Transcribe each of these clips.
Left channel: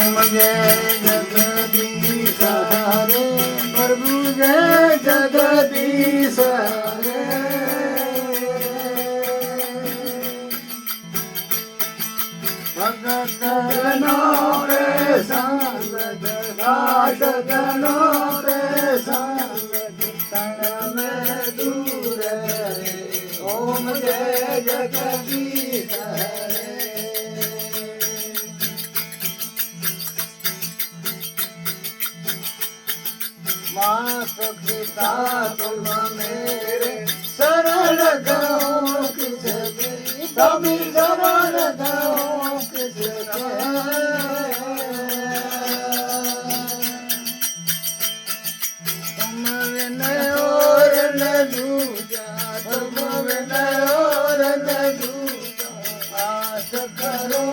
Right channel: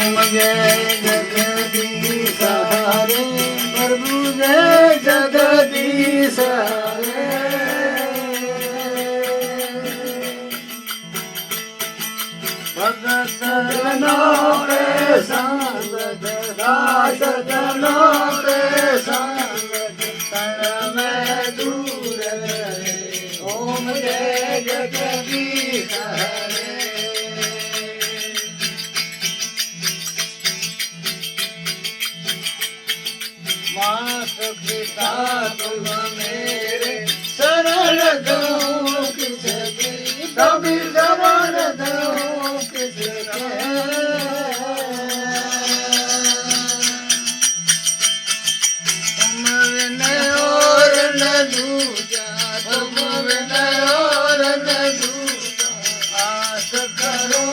जय जगदीश हरे प्रभु जय जगदीश हरे भगत जनों के संग जनों के संग क्षण में दूर ओम जय जगदीश हरे मात पिता तुम मेरे शरण दो किसकी तभी जवान दो किसके तुम विनय और न दूजा तुम विनय और न दूजा आस करो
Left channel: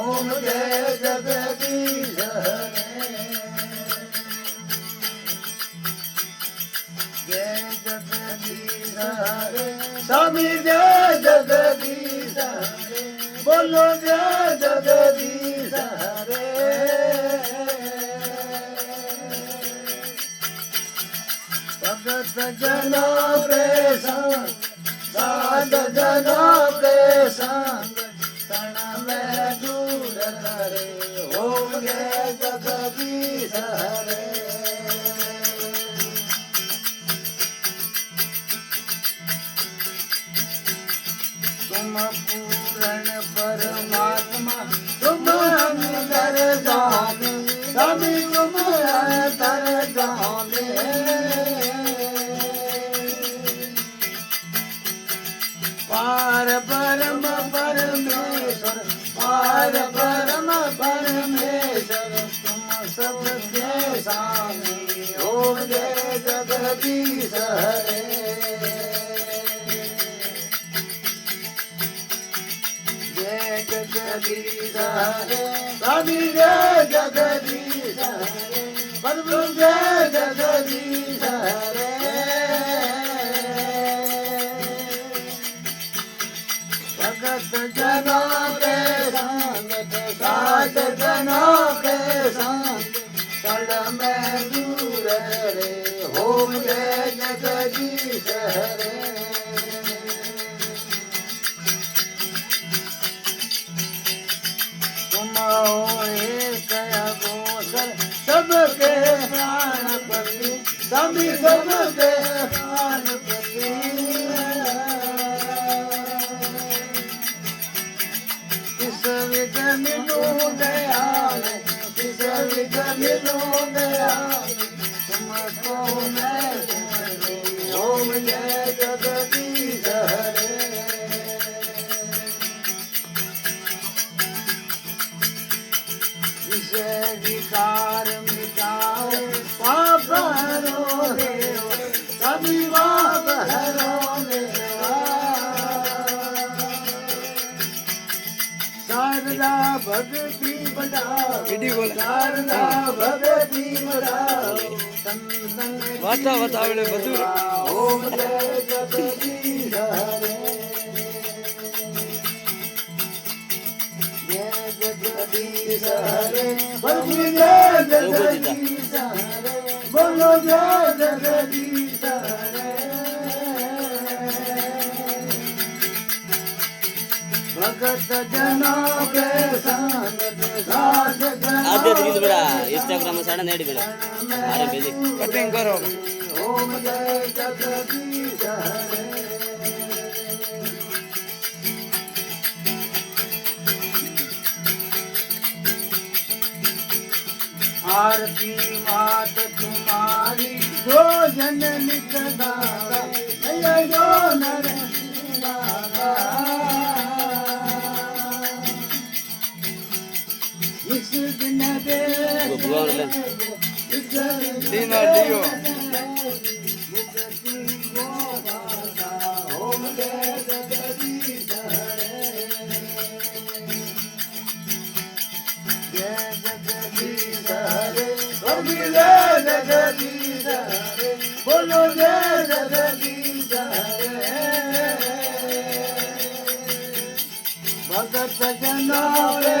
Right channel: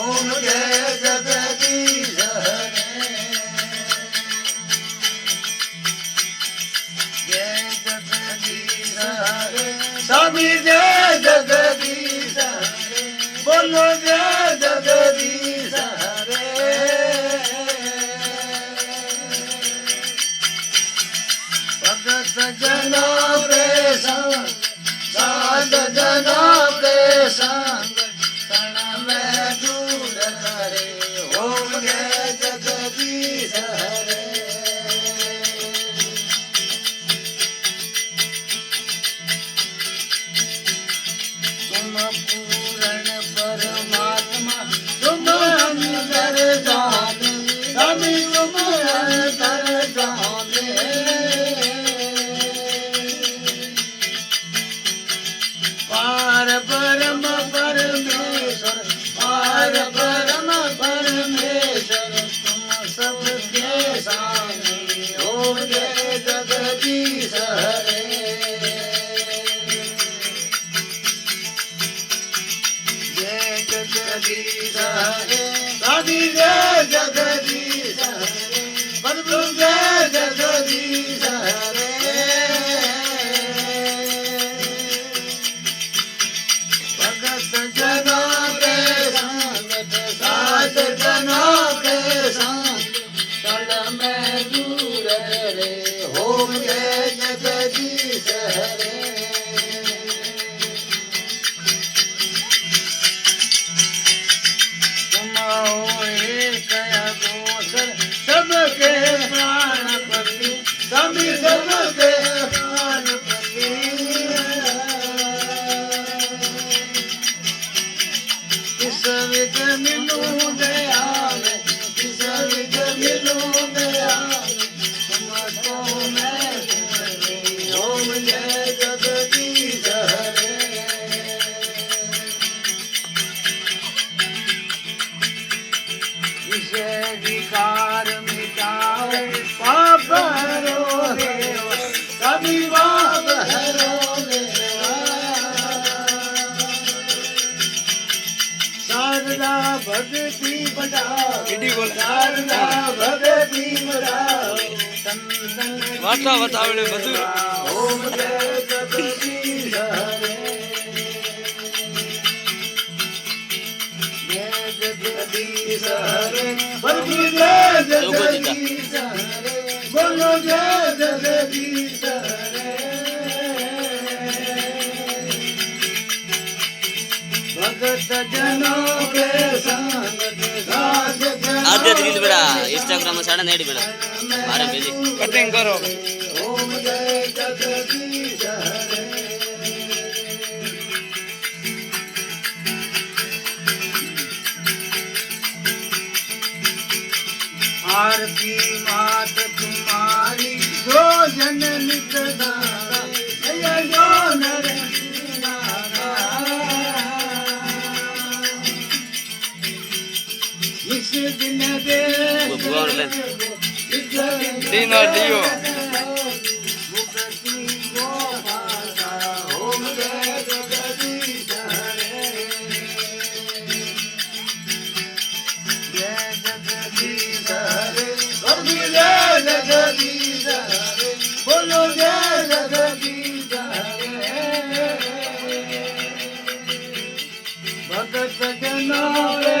ओम जय जगदीश हरे स्वामी जय जगदीश हरे बोलो जय जगदीश हरे भगत जनों के संग साध जनों के संग क्षण में दूर करे ओम जय जगदीश हरे तुम पूर्ण परमात्मा तुम अंतर जाने सभी तुम अंतर जाने पार परम परमेश्वर पार परम परमेश्वर तुम सबके सामने ओम जय जगदीश हरे जगदीश हरे स्वामी जय जगदीश हरे प्रभु जय जगदीश हरे भगत जनों के संग साध जनों के संग कल में दूर रे ओम जय जगदीश हरे सबके प्राणपति सभी सबके प्राणपति किस विघ्न मिलूं दयाल किस विघ्न मिलूं दयाल तुमको मैं ओम जय जगदीश हरे विषय विकार मिटाओ पाप हरो देव सभी पाप हरो देवा शारदा भगती बढ़ाओ शारदा भगती बढ़ाओ वार्ता बतावड़े बधु ओम जय जगदीश हरे जगदीश हरे प्रभु जय जगदीश हरे बोलो जय जगदीश हरे भगत जनों के संग साध आद्य रील बेड़ा इंस्टाग्राम में साड़ा नेड़ी बेड़ा मारे भेजी कटिंग करो ओम जय जगदीश हरे आरती मात तुम्हारी जो जननी प्रदाता जय जो नर इस दिन दे तीन और दियो ओम जय जगदीश हरे जय जगदीश हरे जय जगदीश हरे बोलो जय जगदीश हरे भगत जनों